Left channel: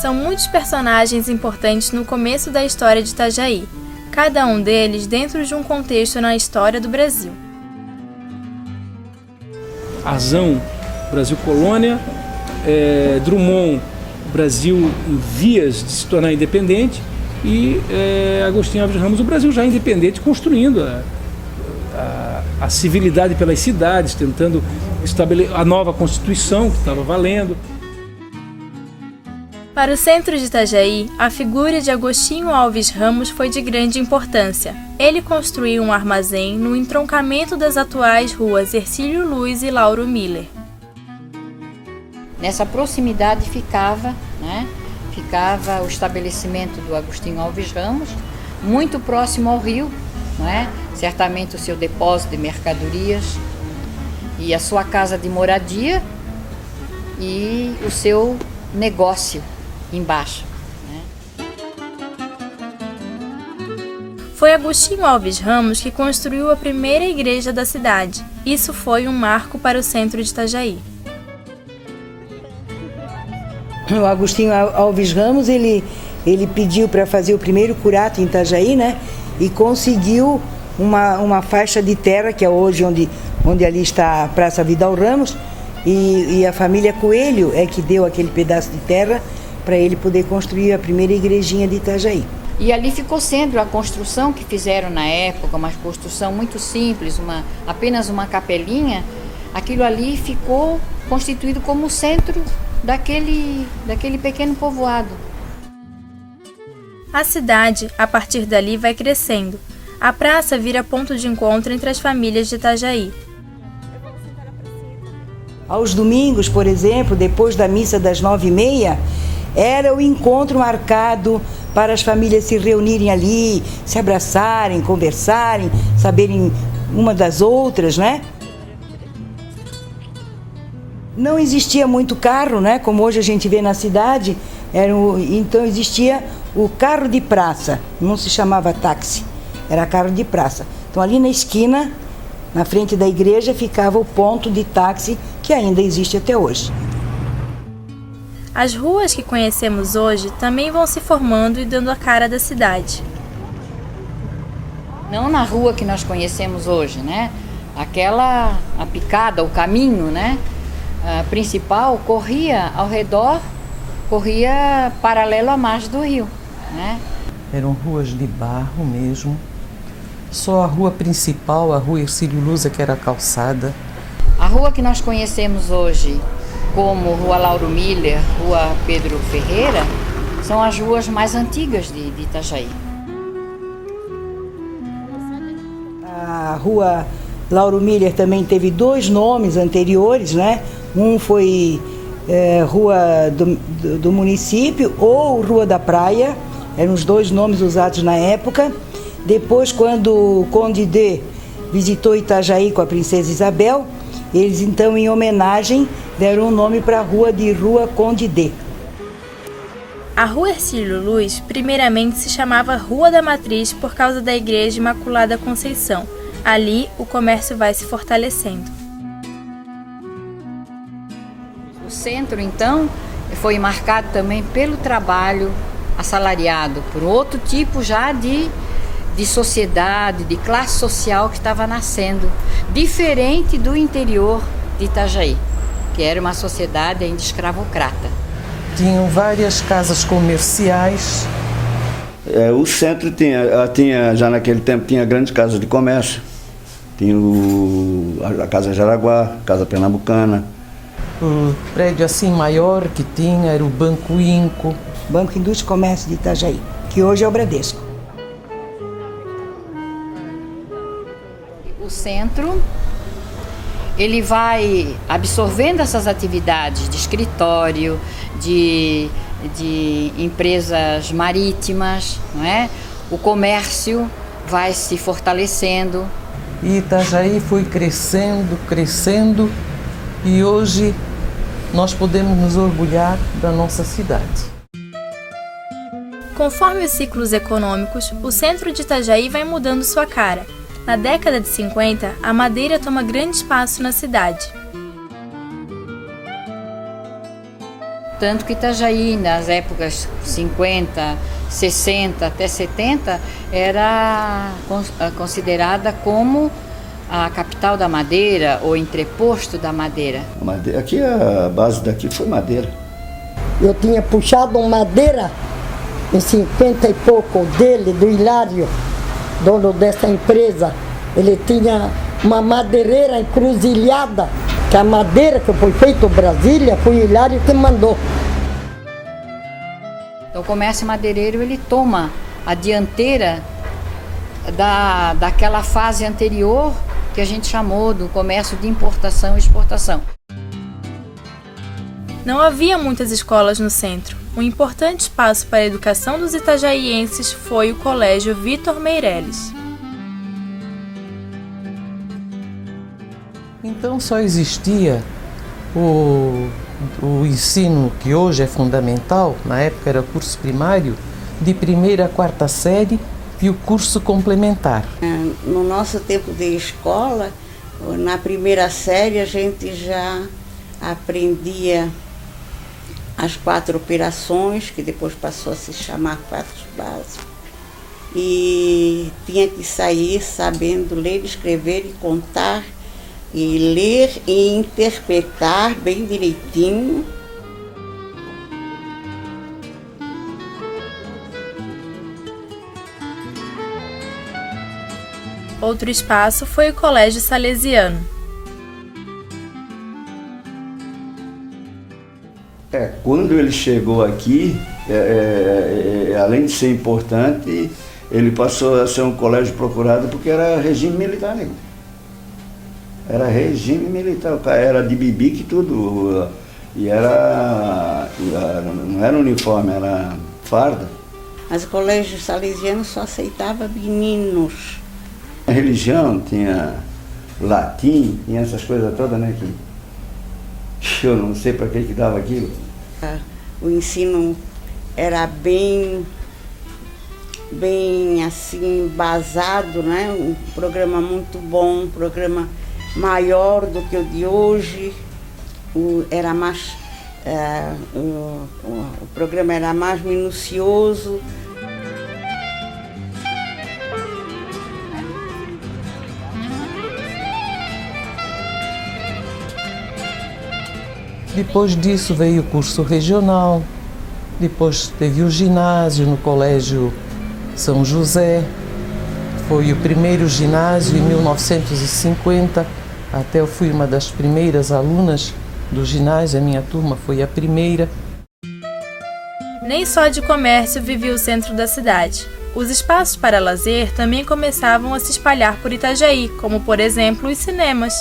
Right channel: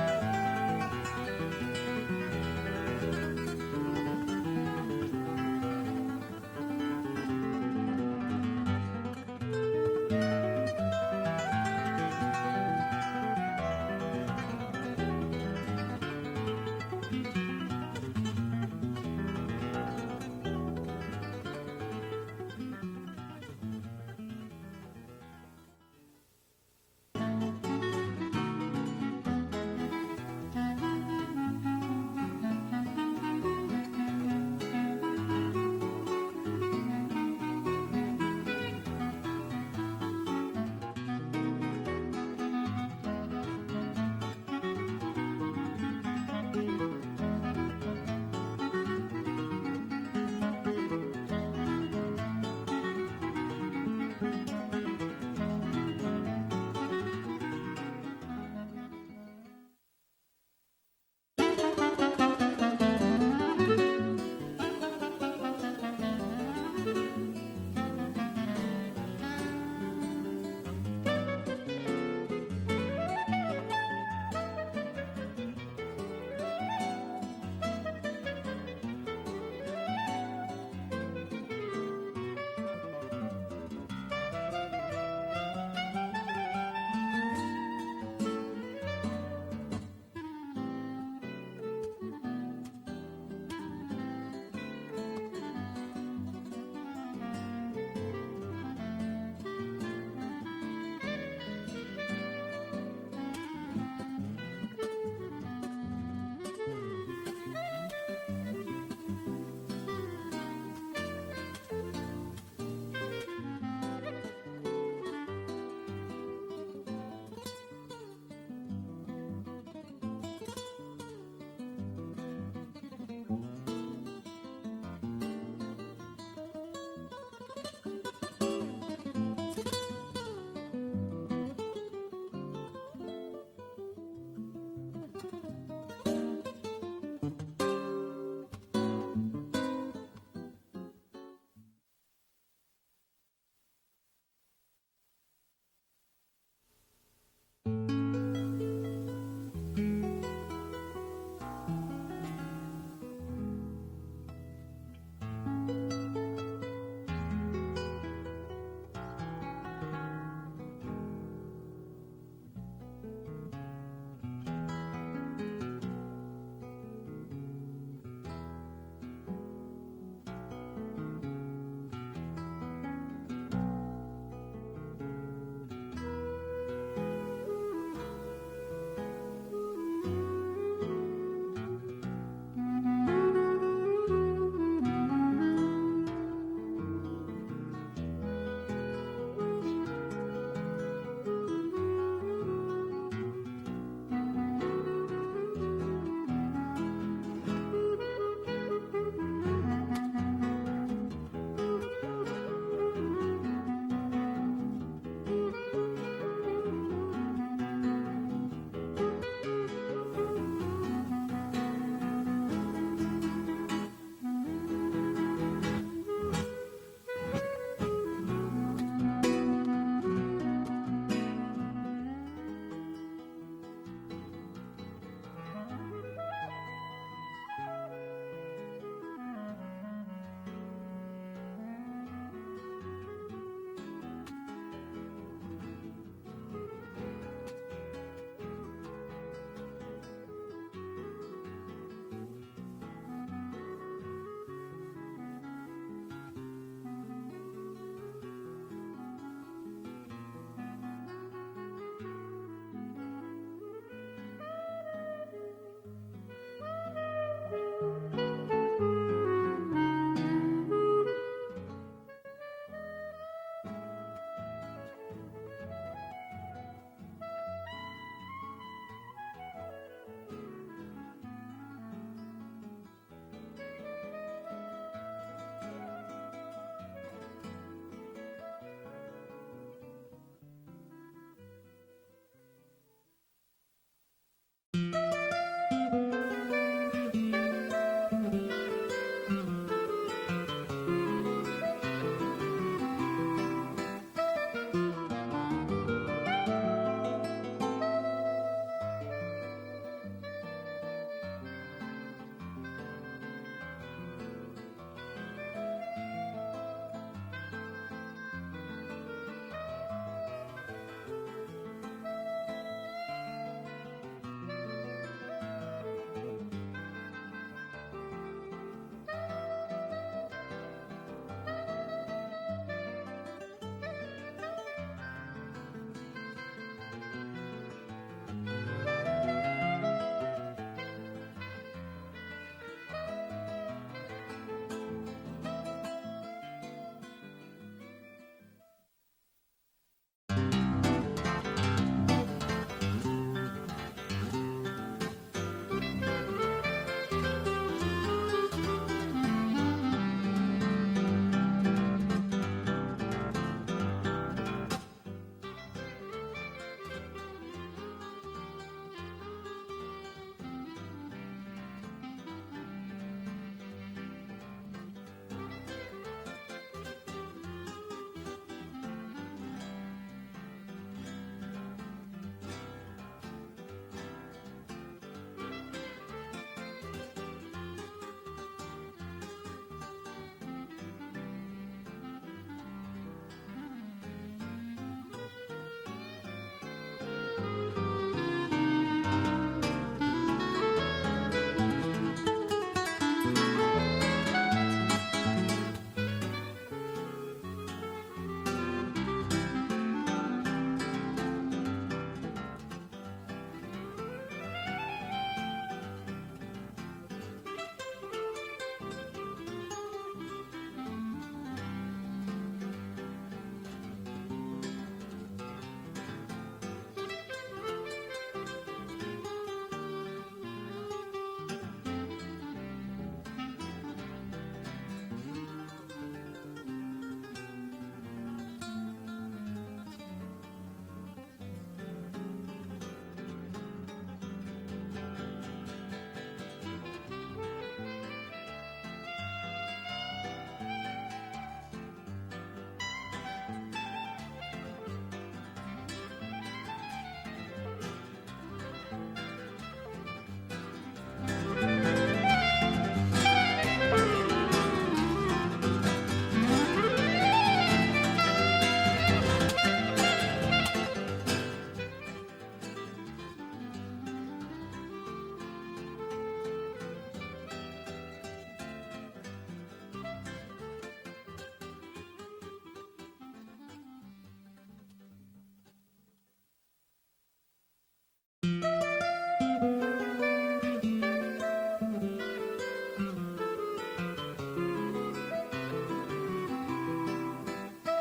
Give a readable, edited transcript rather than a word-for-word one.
São muitos personagens importantes no começo da história de Itajaí, cada um deles dentro de um contexto na história do Brasil. Arzão, Brasil colônia, Drummond, Brasil em vias de se tornar independente, e Agostinho Alves Ramos, o Brasil já independente, construindo a civilidade pelas cidades, tentando estabelecer a nova Constituição que estava valendo. Para o centro de Itajaí, a figura de Agostinho Alves Ramos foi de grande importância. Ele construiu um armazém no entroncamento das atuais ruas Hercílio Luz e Lauro Miller. Nessa proximidade ficava o estabelecimento do Agostinho Alves Ramos, muito próximo ao rio, certamente o seu depósito de mercadorias e a sua casa de moradia e o seu negócio embaixo. Foi Agostinho Alves Ramos que construiu a primeira igreja da cidade. Isso foi um marco para o centro de Itajaí. O Agostinho Alves Ramos, ele pediu para fazer o primeiro curato em Itajaí, e conseguiu uma faixa de terra, que é hoje onde ali está a Praça Vidal Ramos, e a família Coelho é que deu aquele pedaço de terra para ele poder construir a primeira igrejinha de Itajaí. E ali ficou sendo a construção que fizeram na época, uma construção muito simples, apenas uma capelinha. Aquilo ali ficou constituído como o centro daquele pequeno povoado. A cidade, a partir dali, vai crescendo. A praça vira ponto de encontro entre as famílias de Itajaí. Aos domingos, por exemplo, depois da missa das 9h30, era o encontro marcado para as famílias se reunirem ali, se abraçarem, conversarem, saberem uma das outras, Não existia muito carro, como hoje a gente vê na cidade, então existia o carro de praça, não se chamava táxi, era carro de praça. Então ali na esquina, na frente da igreja, ficava o ponto de táxi que ainda existe até hoje. As ruas que conhecemos hoje também vão se formando e dando a cara da cidade. Não na rua que nós conhecemos hoje, Aquela, a picada, o caminho, principal corria ao redor, corria paralelo à margem do rio, Eram ruas de barro mesmo. Só a rua principal, a rua Hercílio Luz, que era calçada. A rua que nós conhecemos hoje como Rua Lauro Miller, Rua Pedro Ferreira, são as ruas mais antigas de Itajaí. A Rua Lauro Miller também teve 2 nomes anteriores, Um foi Rua do Município ou Rua da Praia, eram os 2 nomes usados na época. Depois, quando o Conde D visitou Itajaí com a princesa Isabel, eles então, em homenagem, deram o nome para a rua de Rua Conde D. A Rua Hercílio Luz, primeiramente se chamava Rua da Matriz por causa da Igreja Imaculada Conceição. Ali, o comércio vai se fortalecendo. O centro, então, foi marcado também pelo trabalho assalariado, por outro tipo já de sociedade, de classe social que estava nascendo, diferente do interior de Itajaí, que era uma sociedade ainda escravocrata. Tinham várias casas comerciais. O centro tinha, já naquele tempo, tinha grandes casas de comércio. Tinha a Casa Jaraguá, a Casa Pernambucana. O prédio assim maior que tinha era o Banco Inco. Banco Indústria e Comércio de Itajaí, que hoje é o Bradesco. O centro, ele vai absorvendo essas atividades de escritório, de empresas marítimas, O comércio vai se fortalecendo. E Itajaí foi crescendo, e hoje nós podemos nos orgulhar da nossa cidade. Conforme os ciclos econômicos, o centro de Itajaí vai mudando sua cara. Na década de 50, a madeira toma grande espaço na cidade. Tanto que Itajaí, nas épocas 50, 60 até 70, era considerada como a capital da madeira ou entreposto da madeira. Aqui a base daqui foi madeira. Eu tinha puxado madeira em 50 e pouco dele, do Hilário, dono dessa empresa. Ele tinha uma madeireira encruzilhada, que a madeira que foi feita em Brasília foi o Hilário que mandou. Então, o comércio madeireiro ele toma a dianteira daquela fase anterior que a gente chamou do comércio de importação e exportação. Não havia muitas escolas no centro. Um importante espaço para a educação dos itajaienses foi o Colégio Vitor Meireles. Então só existia o ensino que hoje é fundamental, na época era curso primário, de 1ª a 4ª série e o curso complementar. No nosso tempo de escola, na 1ª série a gente já aprendia as 4 operações, que depois passou a se chamar 4 básicos, e tinha que sair sabendo ler, escrever e contar, e ler e interpretar bem direitinho. Outro espaço foi o Colégio Salesiano. Quando ele chegou aqui, além de ser importante, ele passou a ser um colégio procurado porque era regime militar, né? Era regime militar, o cara era de bibique e tudo, e não era uniforme, era farda. Mas o colégio salesiano só aceitava meninos. A religião tinha latim, tinha essas coisas todas, né? Que eu não sei para que dava aquilo. O ensino era bem assim, embasado, né? Um programa muito bom, um programa maior do que o de hoje. Era mais, o programa era mais minucioso. Depois disso veio o curso regional, depois teve o ginásio no Colégio São José. Foi o primeiro ginásio em 1950, até eu fui uma das primeiras alunas do ginásio, a minha turma foi a primeira. Nem só de comércio vivia o centro da cidade. Os espaços para lazer também começavam a se espalhar por Itajaí, como por exemplo os cinemas.